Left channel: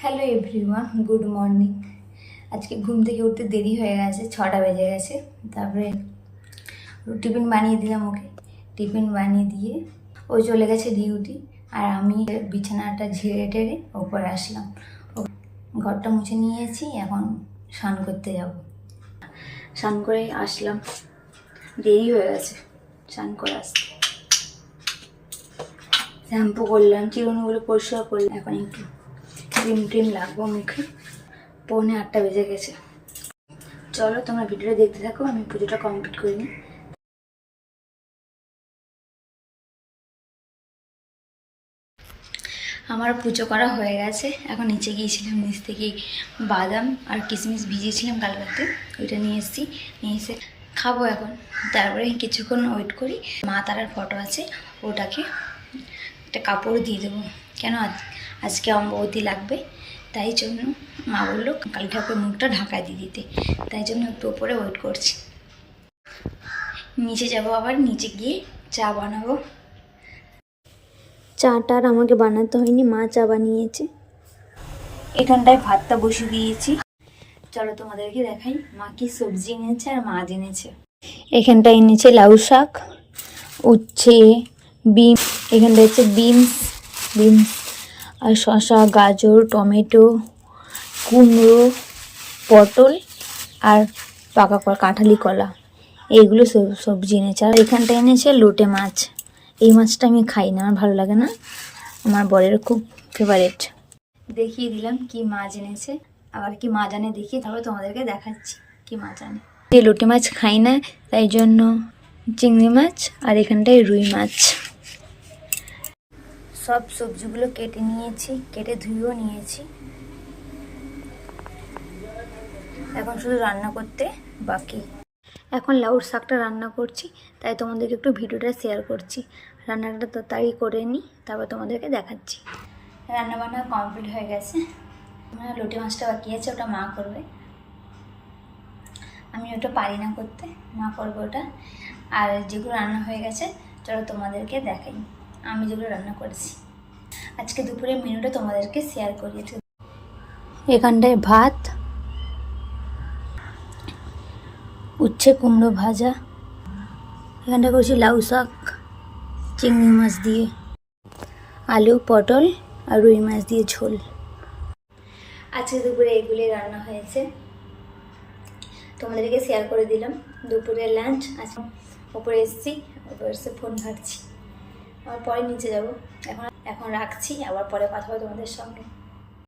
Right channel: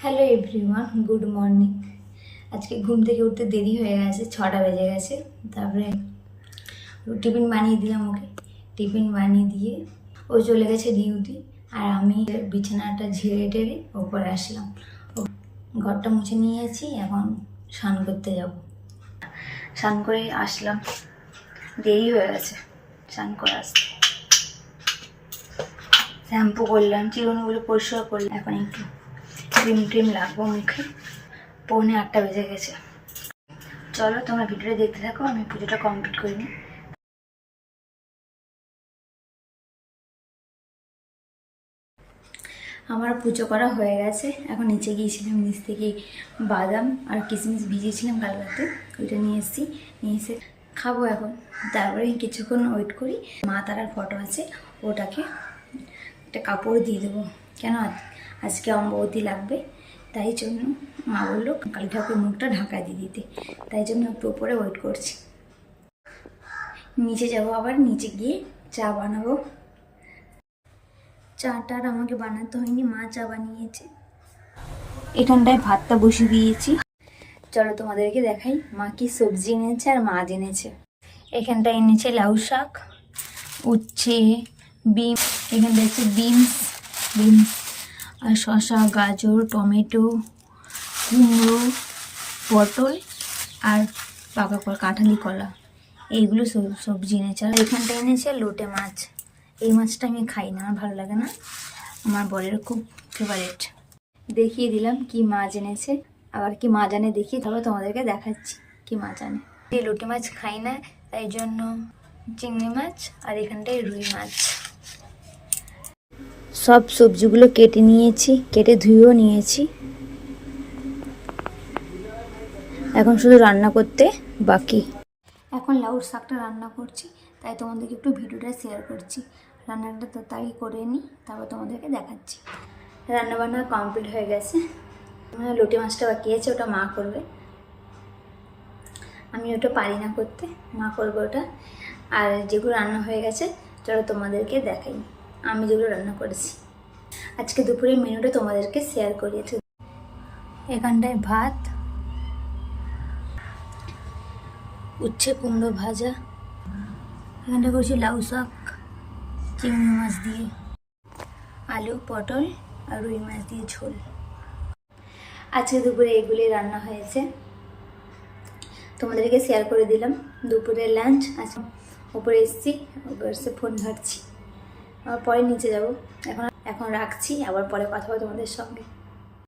Hello everyone, good morning. আজকে ঘুম থেকে উঠতে দেরি হয়ে গেছে, 6টা বেজে গেছে। তারপরে টিফিন বানিয়ে দিলাম ওকে। টিফিন বানিয়ে দিয়ে ও চলে গেছে ডিউটি, আর আমি বিছানাটা ঝেড়ে টেড়ে ওপরে আসলাম। ঘরটা মুছে নিয়েছি, এখন স্নান করতে যাব। স্নান করে আসলাম, দেরি হয়ে গেছে স্নান করে আসতে। শ্যাম্পু করলাম, চিরুনিগুলো পরিষ্কার করলাম। এখন একটু ক্রিম ট্রিম লাগবো মুখে। 7:45 বেজে গেছে। চলো তোমরা ভিডিওটা দেখতে থাকো, আমি পুজোটা কমপ্লিট করে নিই। আমার পুজো করা হয়ে গেছে। এখন নিচে গিয়েছিলাম, নিচ থেকে বাদাম আর কিশমিশ ভিজিয়েছিলাম কাল রাতে, ওইটা নিয়ে এসেছি। নিয়ে এসে খাবো এখন। তারপরে কিছুক্ষণ ওয়েট করি। মা তারার ফটো আছে, ওটাকে একটা কাপড় দিয়ে দেবো। কেন আজকে অম্ববতী লাগবে, তাই জন্য মা বললো কালী ঠাকুরের মুখটা ঢাকায় দিয়ে দিতে। তাই জন্য একটু ওপরে ওয়েট করছি। নিচে যাব, আবার নিচে গিয়ে চা বানাবো। চাটা আর আমাকে বানাতে হয়নি, মা চা বানিয়েছে। এখানটায় ভাতটা বসিয়ে দিয়েছি। চলো তোমাদেরকে দেখাই মা কি সবজি এনেছে আর মাছ এনেছে। এখানটায় এনেছে লাউ শাক, উচ্ছে, বিম। এখানটা হচ্ছে বিনস আর শসা, গাজর, টমেটো, কুমড়ো, পটল আর পাকা কাঁঠালি কলা, এইগুলো সবজি এনেছে। আর এখানটা এনেছে লোটে মাছ। এই মাছটা আমি খাই না, আমার ভালো লাগে না, আমার বরের খুব ফেভারিট। দেখিয়ে দিলাম কি মাছ এনেছে, আবার কি মাছ আনে দেখিয়ে তারপর তোমাদেরকে দেখাচ্ছি কি মাছ আনে। যে লোটে মাছ খাই না, তাই জন্য চিংড়ি মাছ, আর এখানটায় রুই মাছ। সব সবজিগুলো কেটে নিয়েছি, কেটে ধুয়েও নিয়েছি। এখন শুধু রান্না করতে বাকি। এখন লাউর শাকটা রান্না করছি, তাই তোমাদেরকে একটু ভিডিওটা শেয়ার করছি। রান্নাটা তো তাই করে নিই, তারপর তোমাদেরকে দেখাচ্ছি। রান্নাবান্না কমপ্লিট হয়ে গেছে। আমার লোটে মাছটা বাকি আছে, ওটা মা করবে। আমি ওটা পারি না করতে, মা করবে ওটা। আর যেগুলো রান্না হয়ে গেছে চলো তোমাদেরকে দেখাই আমি যেগুলো রান্না করেছি। আজকে দুপুরের মেনুটা তোমাদেরকে শেয়ার করিয়েছি। এখানটায় ভাত, উচ্ছে কুমড়ো ভাজা, এখানটা করছি লাউ শাক চিংড়ি মাছ দিয়ে, আলু পটল আর রুই মাছ দিয়ে ঝোল। আজকে দুপুরে এগুলি রান্না হয়েছে, তোমাদেরকে শেয়ার করে দিলাম। দুপুরের লাঞ্চ। আজকে ওপরে এসেছি, ওপরে এসে ফোন ঘাটছি। আবার পরে নিচে যাব। এখন রাখছি, আবার পরে কথা হবে তোমাদের সঙ্গে।